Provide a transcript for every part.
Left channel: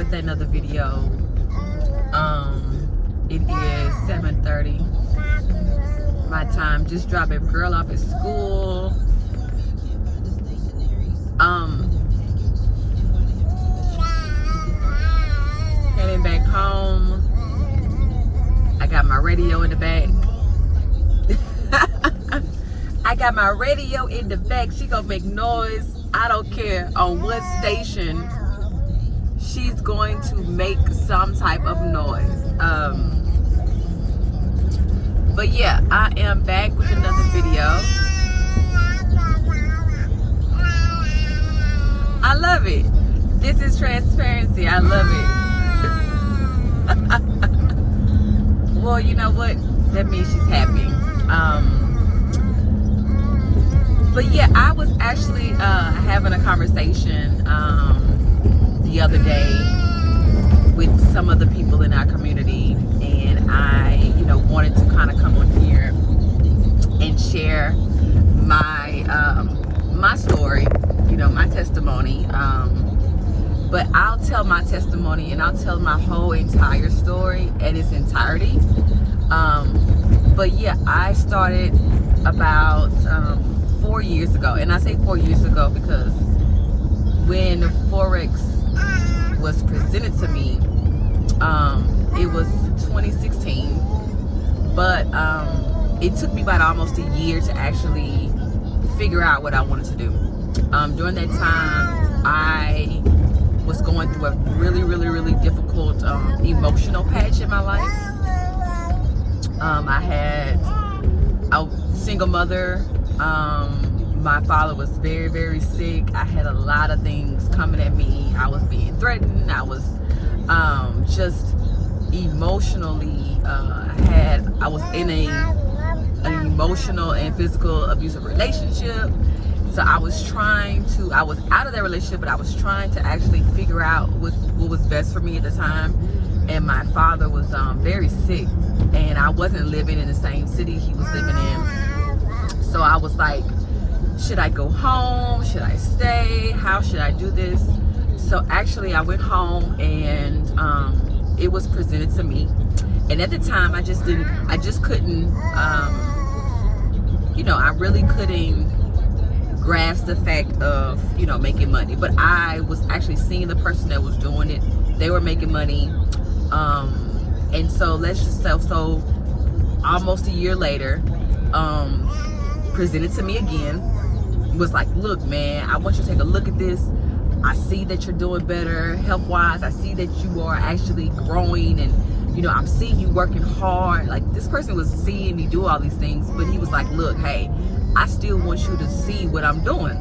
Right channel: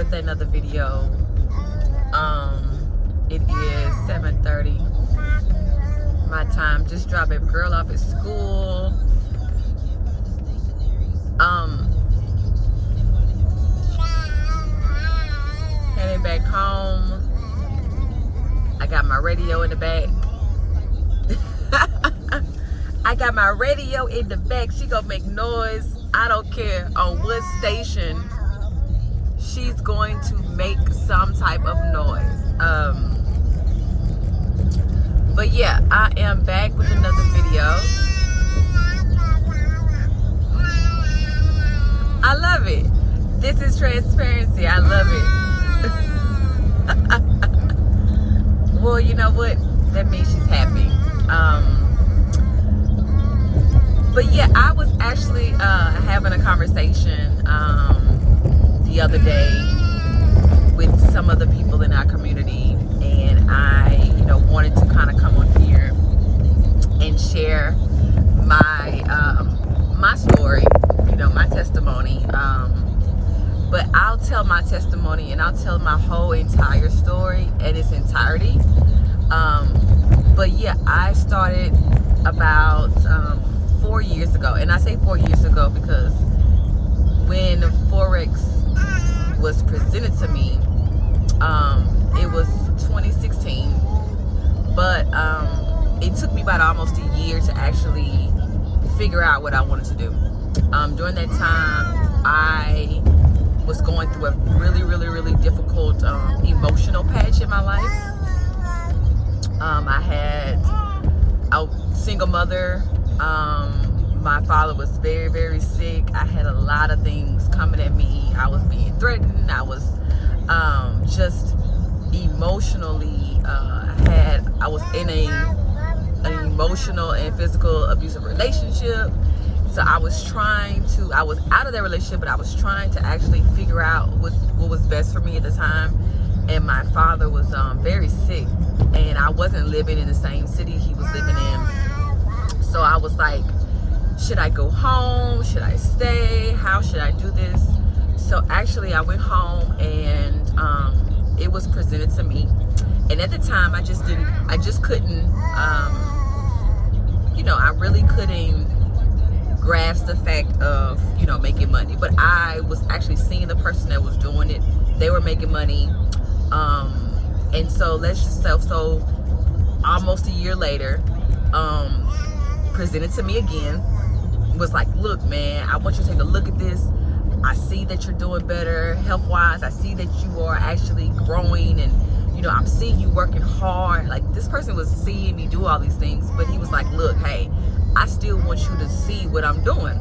with another video. It is 7:30 my time. Just dropped a girl off at school. Heading back home. I got my radio in the back. I got my radio in the back. She gonna make noise. I don't care on what station. She's going to make some type of noise. But yeah, I am back with another video. I love it. This is transparency. I love it. Well, you know what? That means she's happy. But yeah, I was actually having a conversation the other day with some of the people in our community, and I, wanted to kind of come on here and share my my story, my testimony. But I'll tell my testimony and I'll tell my whole entire story in its entirety. But yeah, I started about 4 years ago, and I say 4 years ago because when Forex was presented to me, it was 2016, but it took me about almost a year to actually figure out what I wanted to do. During that time, I was going through a really difficult emotional patch in my life. I had a single mother. My father was very sick. I had a lot of things coming at me. I was being threatened. I was just emotionally I was in an emotional and physical abusive relationship. So I was out of that relationship, but I was trying to actually figure out what was best for me at the time. And my father was very sick, and I wasn't living in the same city he was living in. So I was like, should I go home? Should I stay? How should I do this? So actually I went home, and it was presented to me. And at the time I just couldn't, I really couldn't grasp the fact of, making money. But I was actually seeing the person that was doing it. They were making money. And so let's just say, so almost a year later, presented to me again, was like, look, man, I want you to take a look at this. I see that you're doing better health-wise. I see that you are actually growing, and I'm seeing you working hard. Like, this person was seeing me do all these things, but he was like, look, hey, I still want you to see what I'm doing.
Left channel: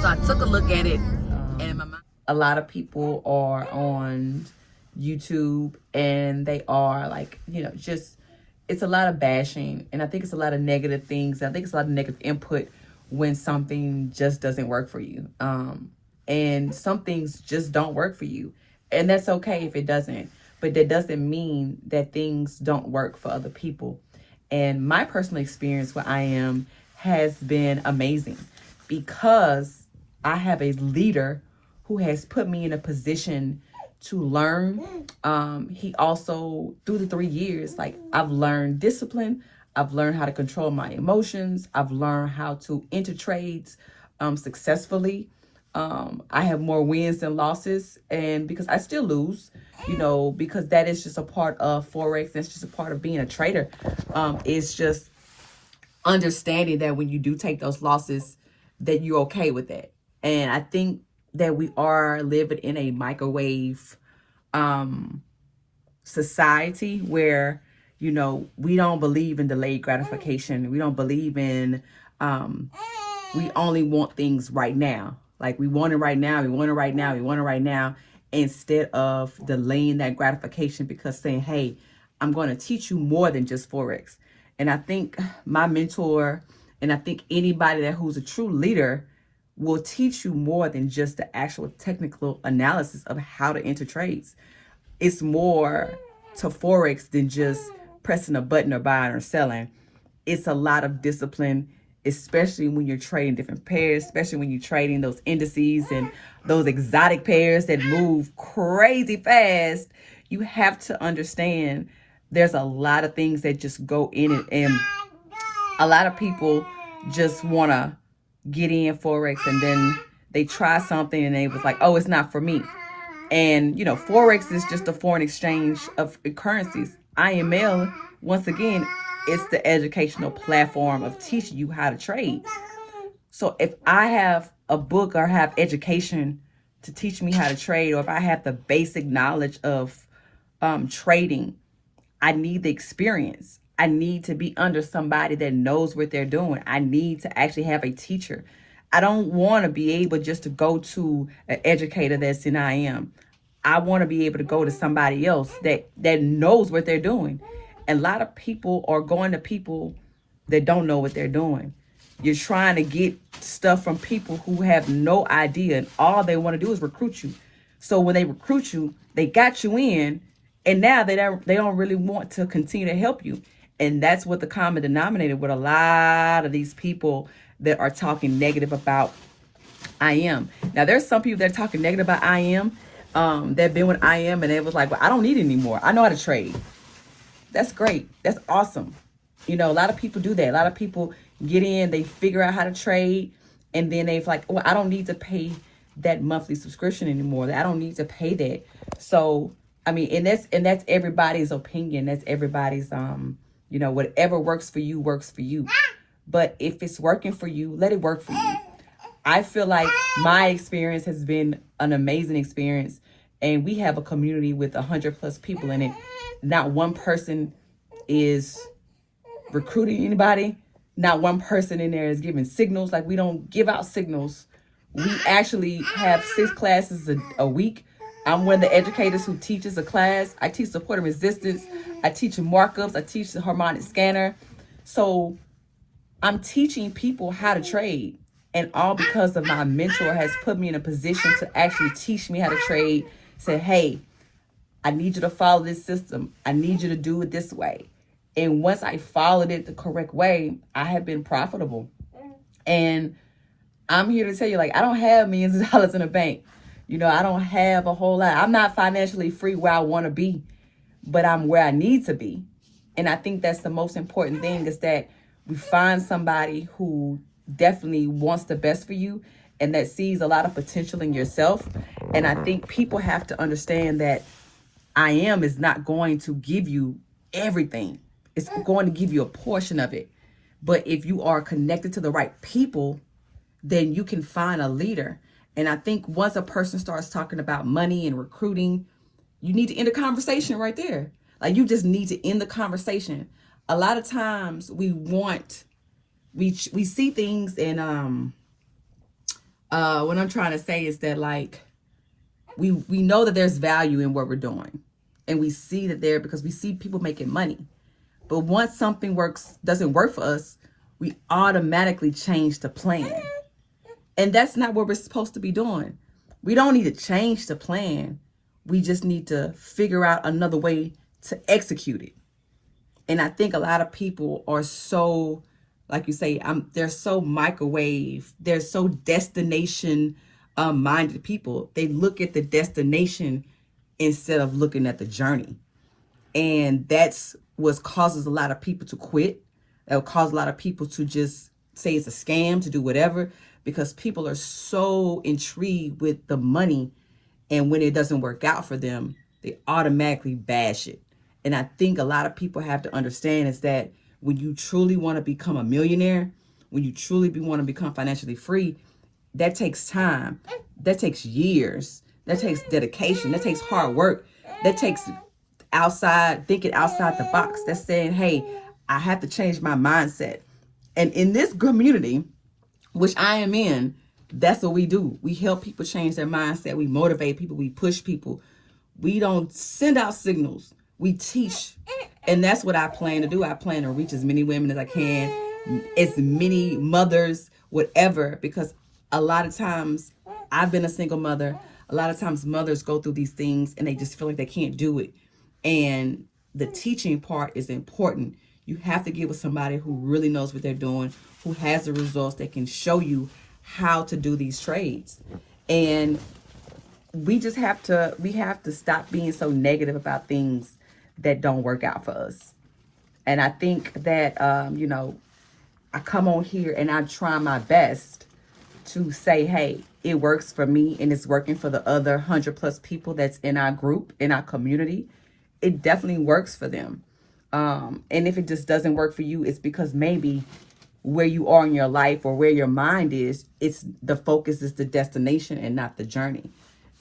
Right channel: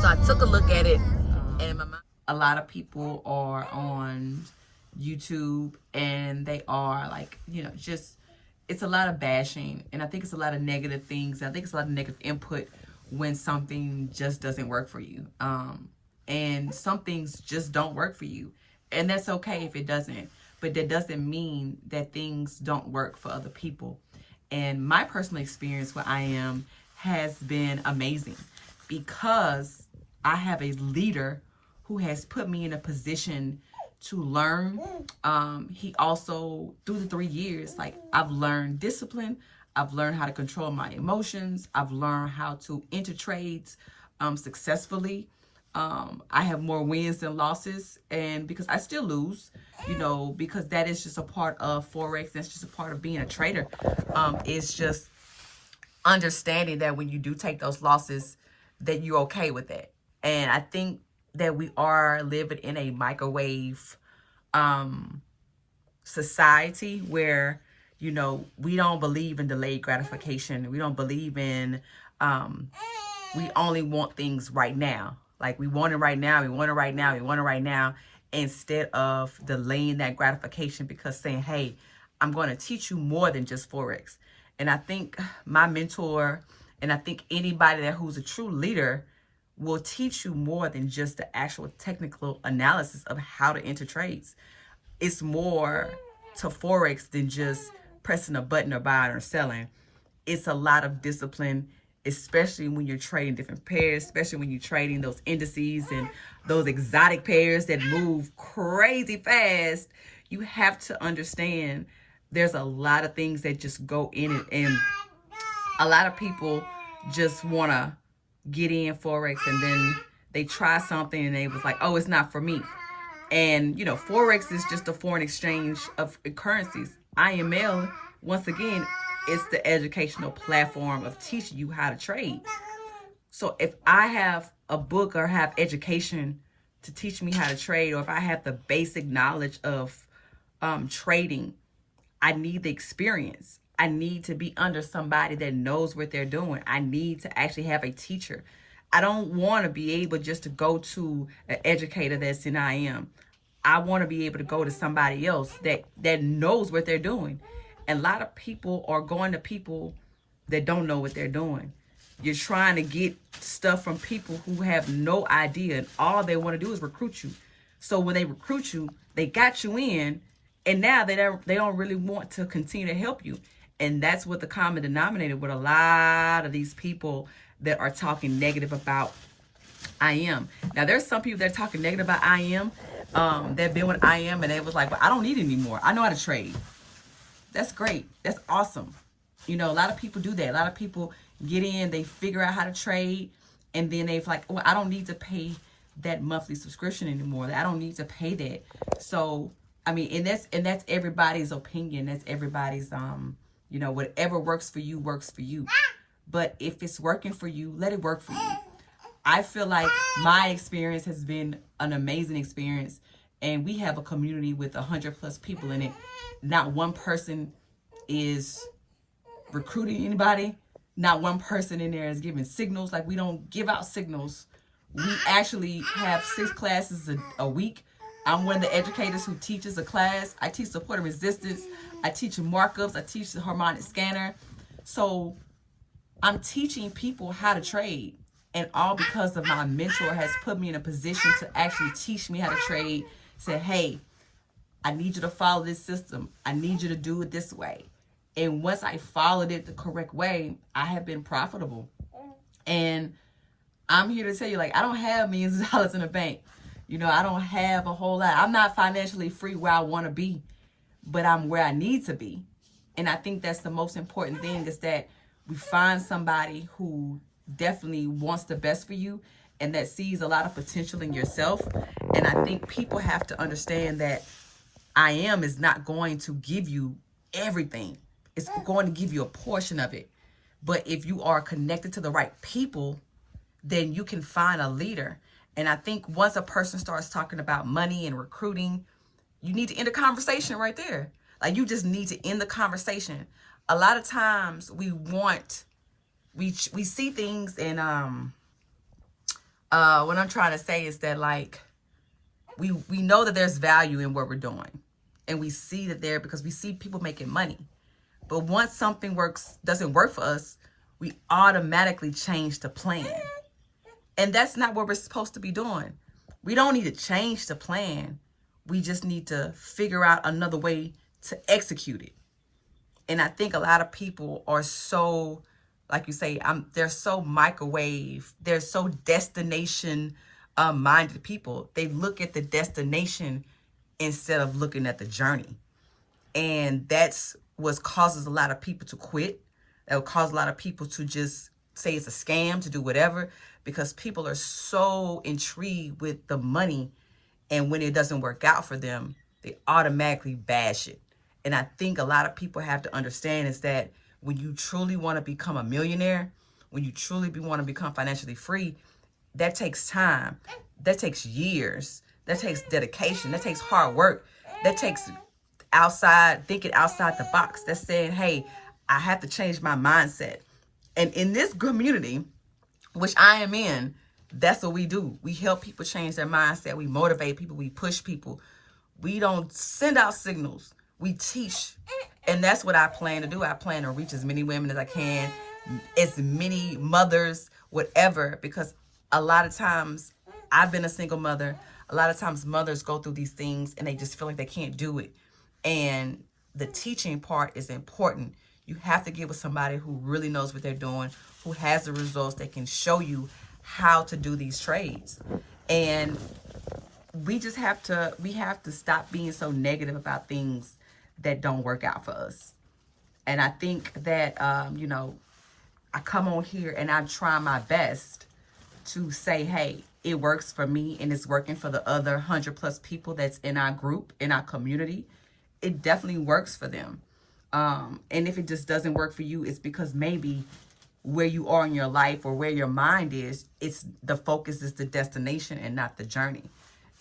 So I took a look at it, and in my mind, a lot of people are on YouTube, and they are like, just, it's a lot of bashing, and I think it's a lot of negative things. I think it's a lot of negative input when something just doesn't work for you. And some things just don't work for you, and that's okay if it doesn't, but that doesn't mean that things don't work for other people. And my personal experience where I am has been amazing, because I have a leader who has put me in a position to learn. He also, through the 3 years, like, I've learned discipline. I've learned how to control my emotions. I've learned how to enter trades successfully. I have more wins than losses, and because I still lose, because that is just a part of Forex. That's just a part of being a trader. It's just understanding that when you do take those losses, that you're okay with that. And I think that we are living in a microwave society where, we don't believe in delayed gratification. We don't believe in, we only want things right now. Like, we want it right now, we want it right now, we want it right now, instead of delaying that gratification, because saying, hey, I'm going to teach you more than just Forex. And I think my mentor, and I think anybody who's a true leader, will teach you more than just the actual technical analysis of how to enter trades. It's more to Forex than just pressing a button or buying or selling. It's a lot of discipline. especially when you're trading different pairs, especially when you're trading those indices and those exotic pairs that move crazy fast. You have to understand there's a lot of things that just go in it, and a lot of people just want to get in Forex and then they try something and they was like, oh, it's not for me. And, you know, Forex is just a foreign exchange of currencies. IML, once again, it's the educational platform of teaching you how to trade. So if I have a book or have education to teach me how to trade, or if I have the basic knowledge of trading, I need the experience. I need to be under somebody that knows what they're doing. I need to actually have a teacher. I don't want to be able just to go to an educator that's in IM. I want to be able to go to somebody else that knows what they're doing. And a lot of people are going to people that don't know what they're doing. You're trying to get stuff from people who have no idea, and all they want to do is recruit you. So when they recruit you, they got you in, and now they don't really want to continue to help you. And that's what the common denominator with a lot of these people that are talking negative about IM. Now, there's some people that are talking negative about IM. They've been with IM and it was like, well, I don't need it anymore. I know how to trade. That's great. That's awesome. You know, a lot of people do that. A lot of people get in, they figure out how to trade, and then they're like, well, I don't need to pay that monthly subscription anymore. I don't need to pay that. So, I mean, and that's everybody's opinion. That's everybody's, you know, whatever works for you works for you. But if it's working for you, let it work for you. I feel like my experience has been an amazing experience, and we have a community with 100+ people in it. Not one person is recruiting anybody. Not one person in there is giving signals. Like, we don't give out signals. We actually have 6 classes a week. I'm one of the educators who teaches a class. I teach support and resistance. I teach markups. I teach the Harmonic Scanner. So I'm teaching people how to trade. And all because of my mentor has put me in a position to actually teach me how to trade. Say, hey, I need you to follow this system. I need you to do it this way. And once I followed it the correct way, I have been profitable. And I'm here to tell you, like, I don't have millions of dollars in the bank. You know, I don't have a whole lot. I'm not financially free where I want to be, but I'm where I need to be. And I think that's the most important thing, is that we find somebody who definitely wants the best for you and that sees a lot of potential in yourself. And I think people have to understand that IM is not going to give you everything. It's going to give you a portion of it. But if you are connected to the right people, then you can find a leader. And I think once a person starts talking about money and recruiting, you need to end the conversation right there. Like, you just need to end the conversation. A lot of times we see things, and what I'm trying to say is that, like, we know that there's value in what we're doing, and we see that there because we see people making money. But once something doesn't work for us, we automatically change the plan. And that's not what we're supposed to be doing. We don't need to change the plan. We just need to figure out another way to execute it. And I think a lot of people are so, like you say, they're so microwave. They're so destination minded people. They look at the destination instead of looking at the journey. And that's what causes a lot of people to quit. That will cause a lot of people to just say it's a scam, to do whatever, because people are so intrigued with the money. And when it doesn't work out for them, they automatically bash it. And I think a lot of people have to understand is that when you truly want to become a millionaire, when you truly want to become financially free, that takes time. That takes years. That takes dedication. That takes hard work. That takes thinking outside the box. That's saying, hey, I have to change my mindset. And in this community, which I am in, that's what we do. We help people change their mindset. We motivate people. We push people. We don't send out signals. We teach. And that's what I plan to do. I plan to reach as many women as I can, as many mothers, whatever, because a lot of times I've been a single mother. A lot of times mothers go through these things and they just feel like they can't do it. And the teaching part is important. You have to get with somebody who really knows what they're doing, who has the results, that can show you how to do these trades. And we have to stop being so negative about things that don't work out for us. And I think that I come on here and I try my best to say, hey, it works for me and it's working for the other 100+ people that's in our group, in our community. It definitely works for them. And if it just doesn't work for you, it's because maybe where you are in your life or where your mind is, it's the focus is the destination and not the journey.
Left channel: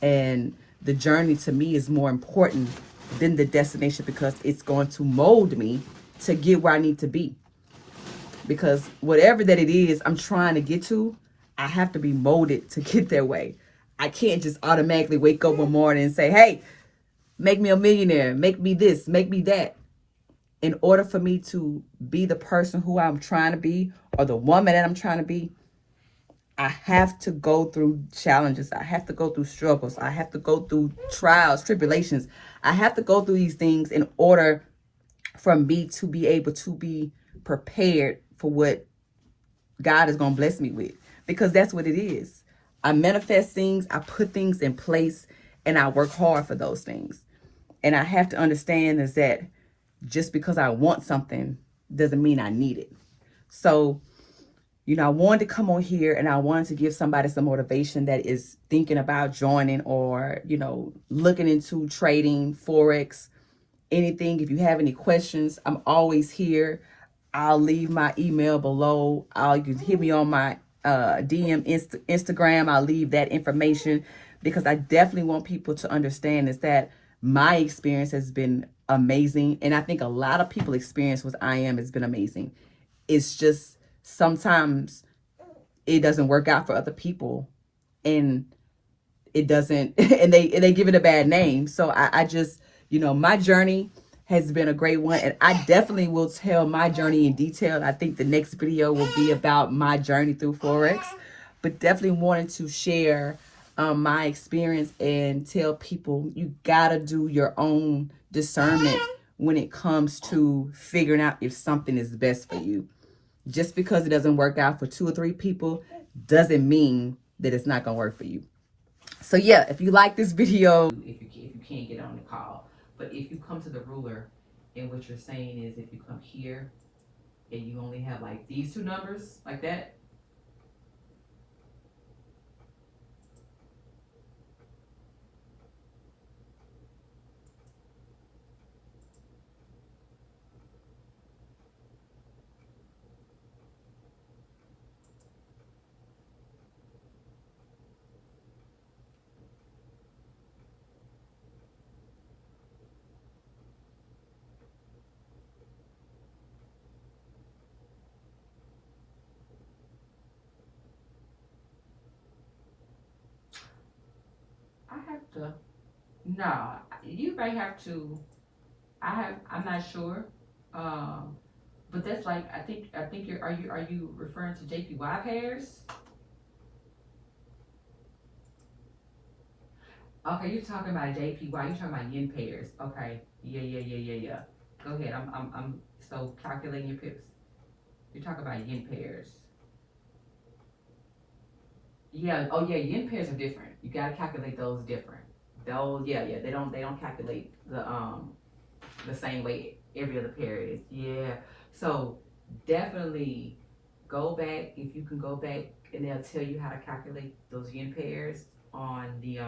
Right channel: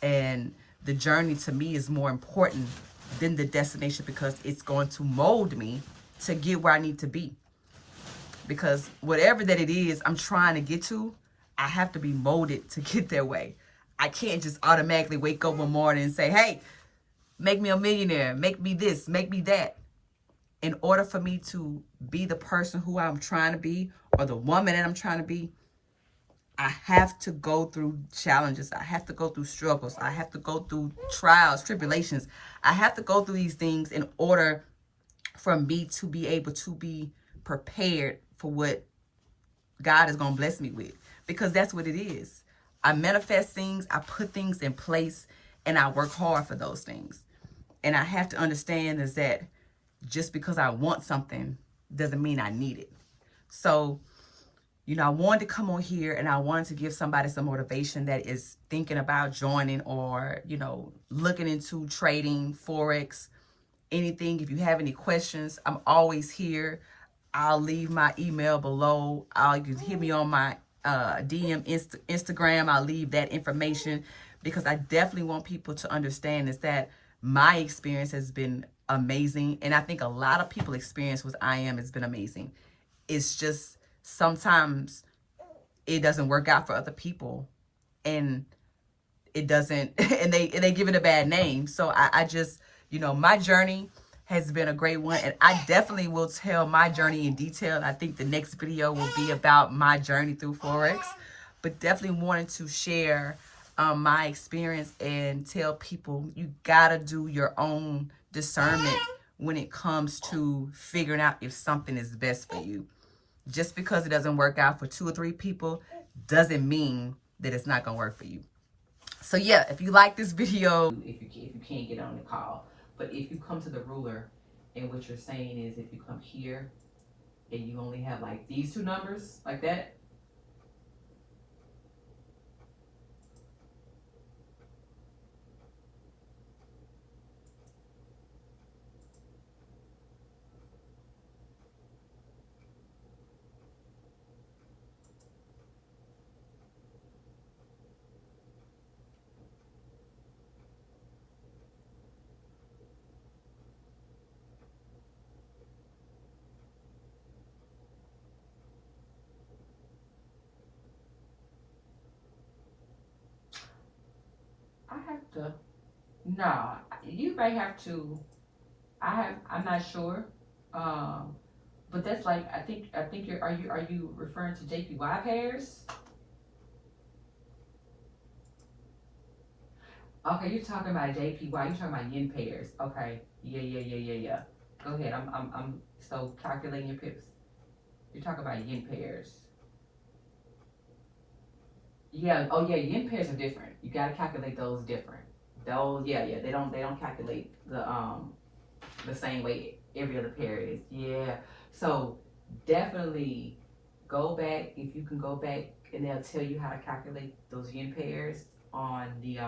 And the journey to me is more important than the destination, because it's going to mold me to get where I need to be. Because whatever that it is I'm trying to get to, I have to be molded to get that way. I can't just automatically wake up one morning and say, hey, make me a millionaire, make me this, make me that. In order for me to be the person who I'm trying to be, or the woman that I'm trying to be, I have to go through challenges. I have to go through struggles. I have to go through trials, tribulations. I have to go through these things in order for me to be able to be prepared for what God is going to bless me with. Because that's what it is. I manifest things, I put things in place, and I work hard for those things. And I have to understand is that just because I want something doesn't mean I need it. So, I wanted to come on here and I wanted to give somebody some motivation that is thinking about joining or, looking into trading, Forex, anything. If you have any questions, I'm always here. I'll leave my email below. You can hit me on my DM Instagram. I'll leave that information, because I definitely want people to understand is that my experience has been amazing. And I think a lot of people experience what I am has been amazing. It's just sometimes it doesn't work out for other people, and it doesn't, and they give it a bad name. So I just, my journey has been a great one, and I definitely will tell my journey in detail. I think the next video will be about my journey through Forex, but definitely wanted to share my experience and tell people you gotta do your own discernment when it comes to figuring out if something is best for you. Just because it doesn't work out for 2 or 3 people doesn't mean that it's not gonna work for you. So yeah, if you like this video, if you can't get on the call, but if you come to the ruler, and what you're saying is if you come here and you only have like these 2 numbers like that, I have to, no, you may have to, I'm not sure. But that's like, I think are you referring to JPY pairs? Okay, you're talking about JPY, you're talking about yen pairs. Okay. Yeah. Go ahead. I'm so calculating your pips. You're talking about yen pairs. Yeah. Oh yeah, yen pairs are different. You gotta calculate those different. Those, yeah. They don't calculate the same way every other pair is. Yeah. So definitely go back, if you can go back, and they'll tell you how to calculate those yen pairs on the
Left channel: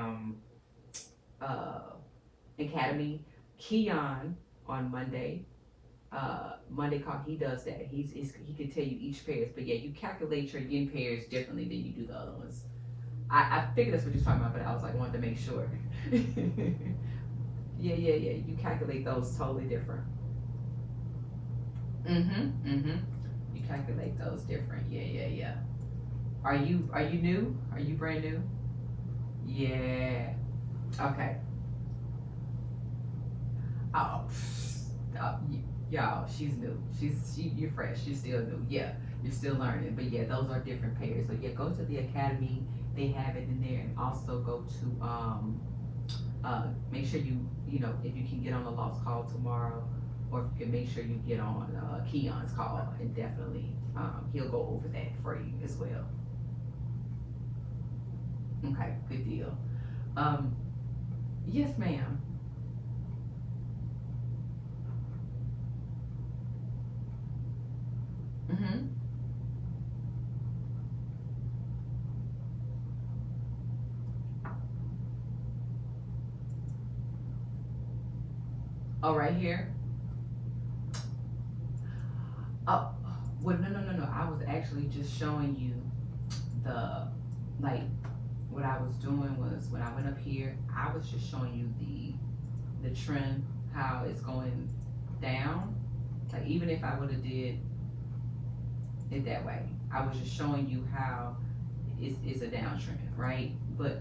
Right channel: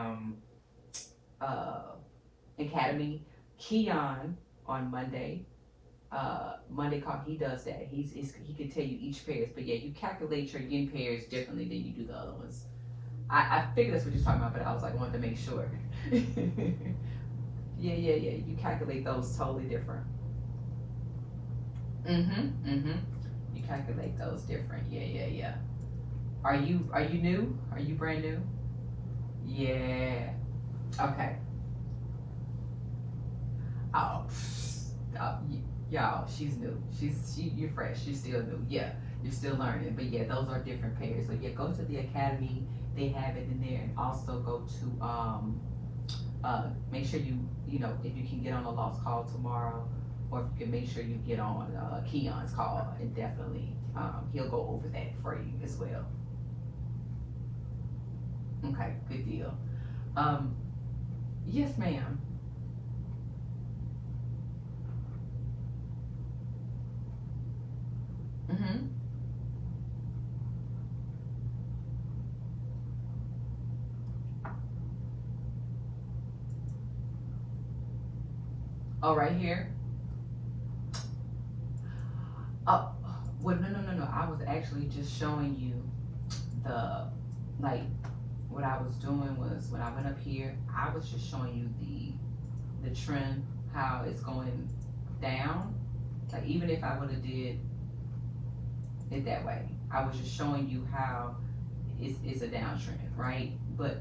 Academy. Keon on Monday. Monday call, he does that. He can tell you each pairs, but yeah, you calculate your yen pairs differently than you do the other ones. I figured that's what you're talking about, but I was like, wanted to make sure. Yeah. You calculate those totally different. You calculate those different. Yeah. Are you new? Are you brand new? Yeah. Okay. Oh, y'all, she's new. You're fresh. She's still new. Yeah, you're still learning. But yeah, those are different pairs. So yeah, go to the Academy. They have it in there, and also go to make sure you if you can get on a lost call tomorrow, or if you can make sure you get on Keon's call, and definitely he'll go over that for you as well. Okay, good deal. Yes, ma'am. Mm-hmm. Oh, right here. Oh, well, no. I was actually just showing you the, like, what I was doing was when I went up here, I was just showing you the trend, how it's going down. Like, even if I would have did it that way, I was just showing you how it's a downtrend, right? But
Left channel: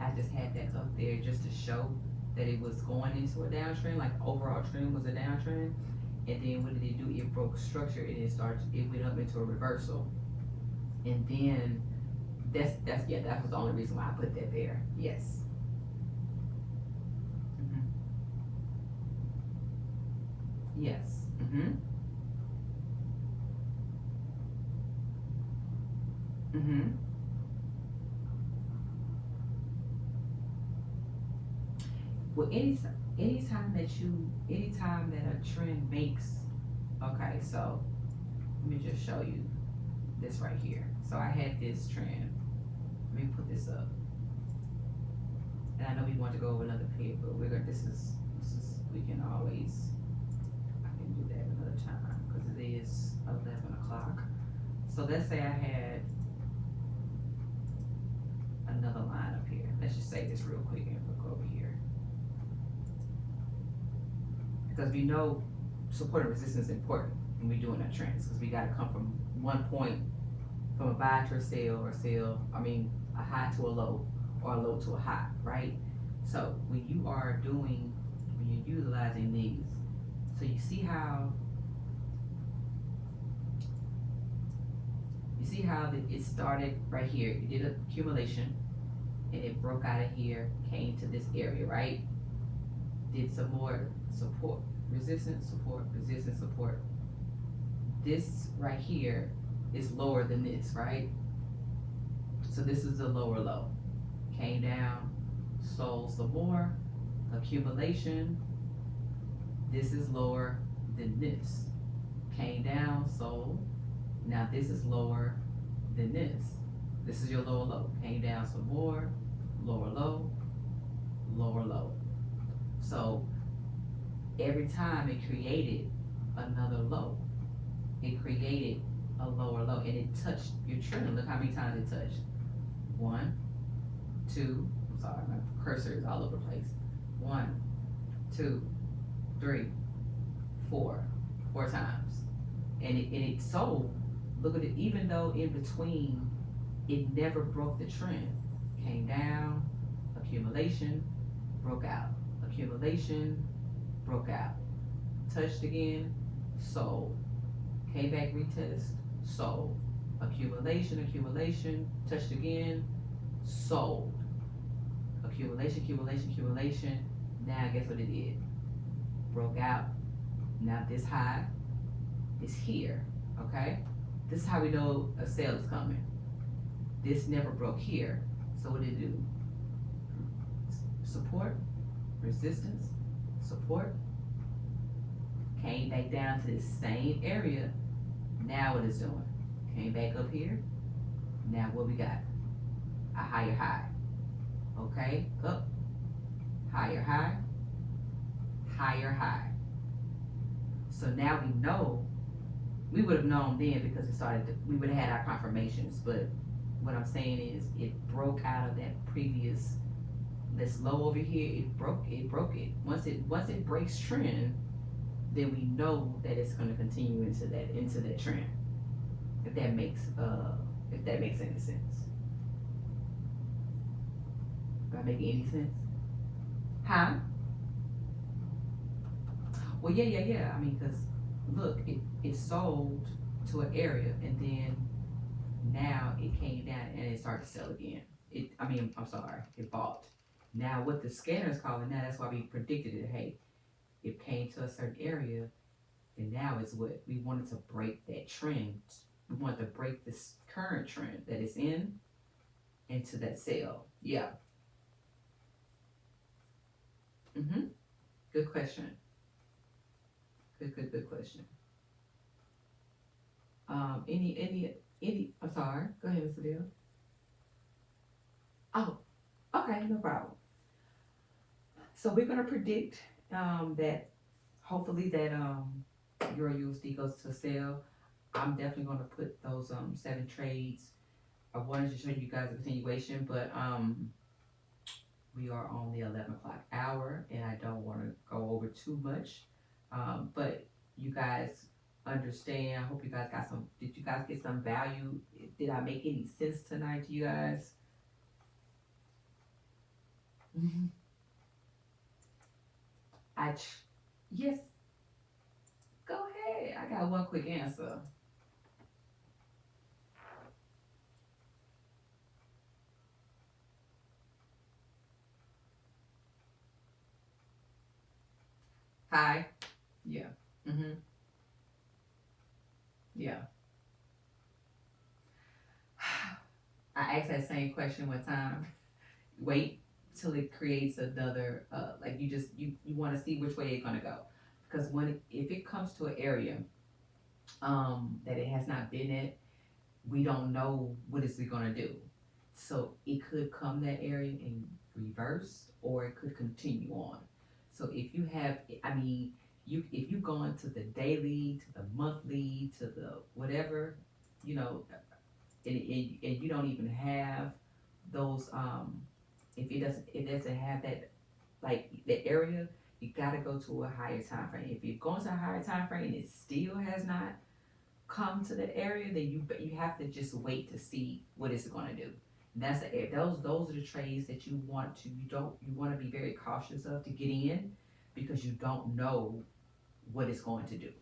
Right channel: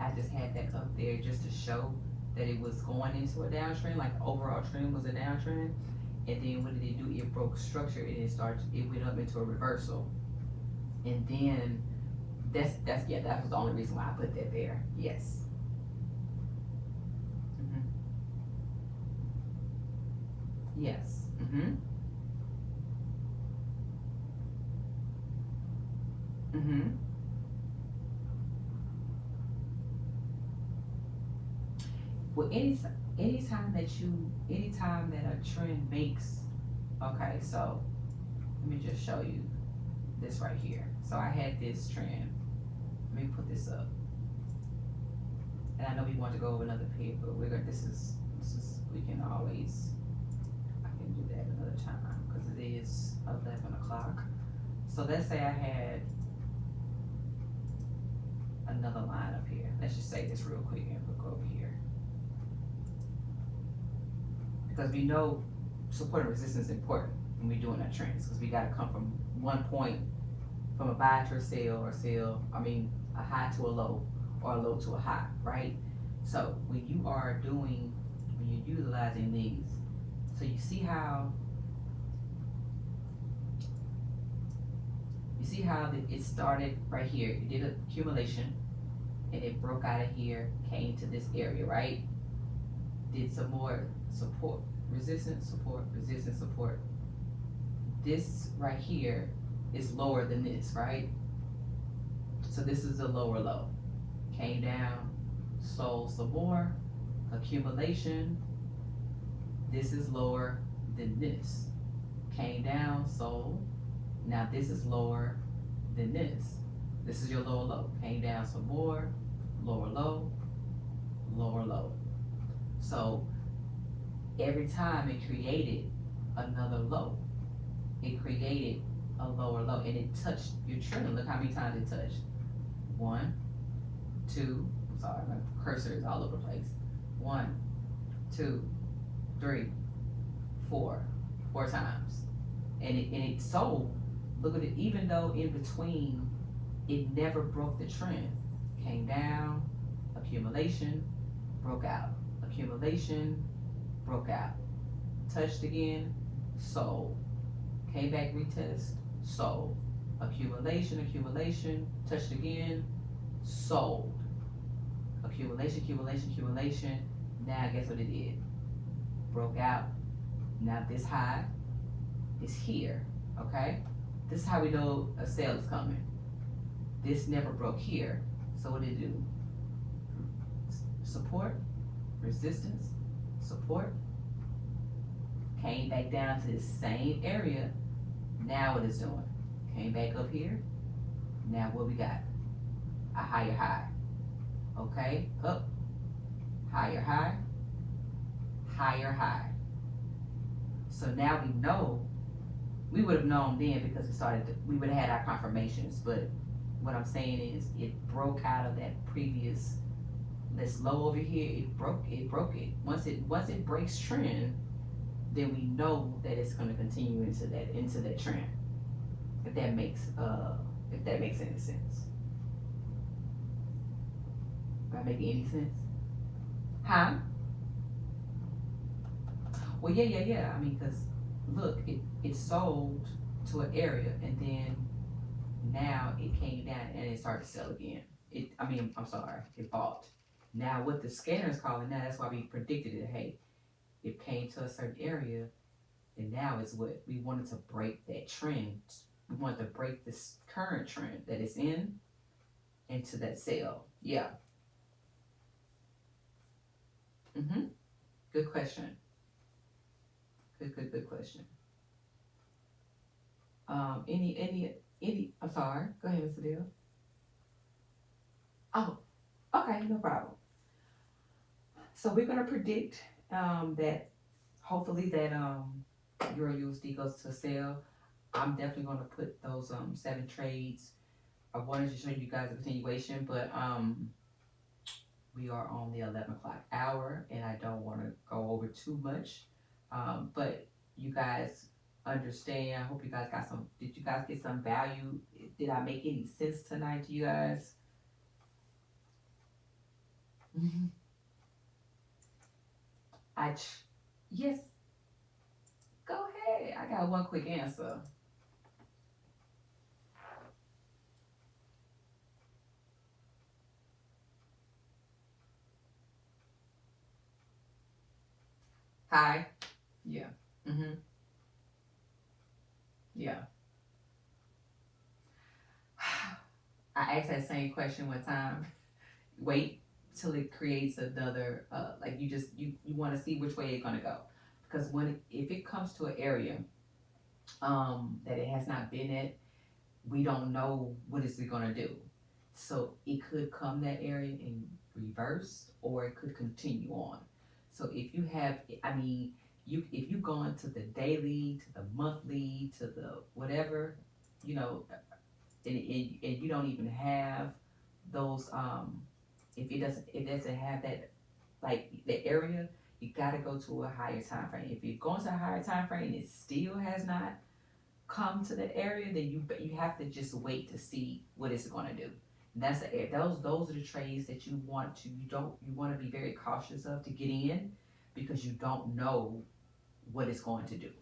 I just had that up there just to show that it was going into a downtrend, like overall trend was a downtrend. And then what did it do? It broke structure and it went up into a reversal. And then that was the only reason why I put that there. Yes. Mm-hmm. Yes. Mm-hmm. Mm-hmm. Well, anytime that a trend makes, okay, so let me just show you this right here. So I had this trend. Let me put this up. And I know we want to go over another page, but this is, we can always, I can do that another time because it is 11 o'clock. So let's say I had another line up here. Let's just say this real quick and look over here. Because we know support and resistance is important when we're doing our trends, because we got to come from one point, from a buy to a sell, or a high to a low, or a low to a high, right? So when you're utilizing these, so you see how it started right here. It did accumulation, and it broke out of here, came to this area, right? Did some more support, resistance, support, resistance, support. This right here is lower than this, right? So this is the lower low. Came down, sold some more, accumulation. This is lower than this. Came down, sold. Now this is lower than this. This is your lower low. Came down some more, lower low, lower low. So every time it created another low, it created a lower low, and it touched your trend. Look how many times it touched. 1, 2, I'm sorry, my cursor is all over the place. 1, 2, 3, 4 times. And it sold. Look at it, even though in between it never broke the trend. Came down, accumulation, broke out. Accumulation, broke out. Touched again, sold. Came back, retest, sold. Accumulation, touched again, sold. Accumulation. Now guess what it did? Broke out. Now this high is here, okay? This is how we know a sale is coming. This never broke here. So what did it do? Support, resistance, support. Came back down to the same area. Now what it's doing? Came back up here. Now what we got? A higher high. Okay, up, higher high, higher high. So now we know, we would have known then because we would have had our confirmations, but what I'm saying is it broke out of that previous, this low over here, it broke it. Once it breaks trend, then we know that it's going to continue into that trend. If that makes any sense. Am I making any sense? Huh? Well, yeah. I mean, because look, it sold to an area, and then now it came down and it started to sell again. I'm sorry, it bought. Now what the scanner is calling now, that's why we predicted it. Hey, it came to a certain area, and now it's what we wanted to break that trend. We wanted to break this current trend that is in into that sale. Yeah. Mm-hmm. Good question. Good question. Any. I'm sorry. Go ahead, Mr. Bill. Oh, okay, no problem. So we're gonna predict that hopefully that your USD goes to sale. I'm definitely gonna put those 7 trades. I wanted to show you guys a continuation, but we are on the 11 o'clock hour, and I don't want to go over too much. But you guys understand. I hope you guys got some. Did you guys get some value? Did I make any sense tonight to you guys? Mhm. Yes. Go ahead. I got one quick answer. Hi. Yeah. Mhm. Yeah. I asked that same question one time. Wait till it creates another like you want to see which way it's gonna go, because when if it comes to an area that it has not been at, we don't know what is it gonna do. So it could come that area in reverse, or it could continue on. So if you have, I mean, you if you go into the daily, to the monthly, to the whatever, you know, and you don't even have those if it doesn't have that, like the area, you got to go to a higher time frame. If you're going to a higher time frame and it still has not come to that area, then you have to just wait to see what it's going to do. And that's those are the trades that you want to be very cautious of to get in, because you don't know what it's going to do.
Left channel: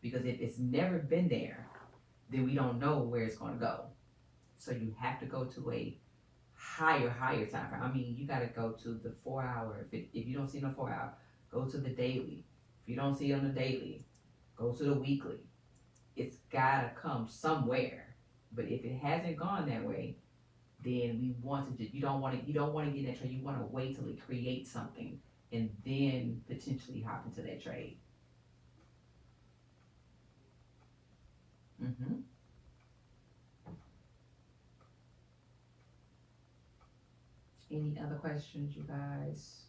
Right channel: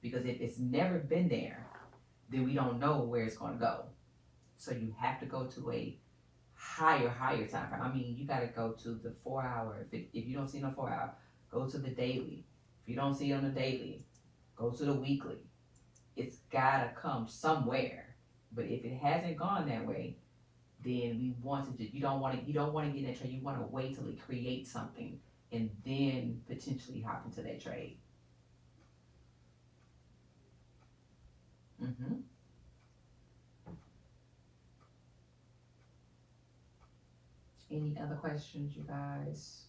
Because if it's never been there, then we don't know where it's going to go. So you have to go to a higher time frame. I mean, you got to go to the 4 hour. If you don't see no 4 hour, go to the daily. If you don't see on the daily, go to the weekly. It's gotta come somewhere. But if it hasn't gone that way, then we want to. You don't want to get in that trade. You want to wait till it creates something and then potentially hop into that trade. hmm Any other questions, you guys?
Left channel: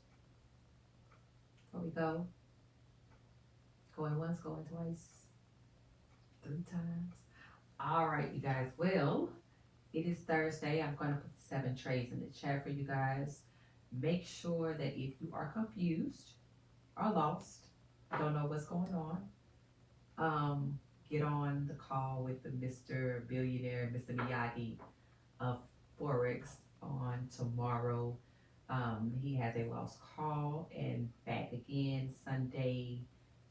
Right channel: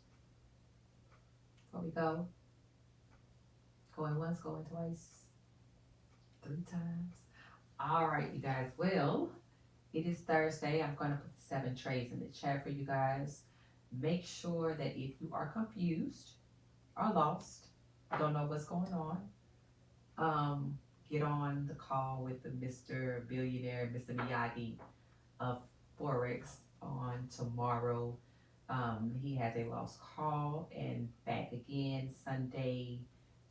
Before we go, going once, going twice, 3 times. All right, you guys. Well, it is Thursday. I'm going to put 7 trades in the chat for you guys. Make sure that if you are confused or lost, don't know what's going on, um, get on the call with the Mr. Billionaire, Mr. Miyagi of Forex on tomorrow. He has a lost call and back again Sunday,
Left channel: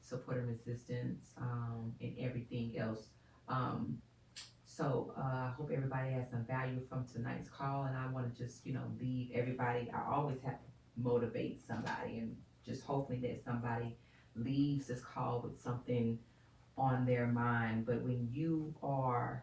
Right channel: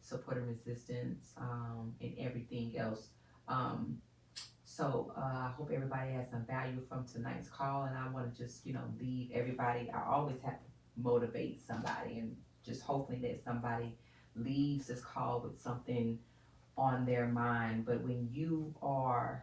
support and resistance, and everything else. Um, I hope everybody has some value from tonight's call, and I want to just leave everybody. I always have to motivate somebody, and just hopefully that somebody leaves this call with something on their mind. But when you are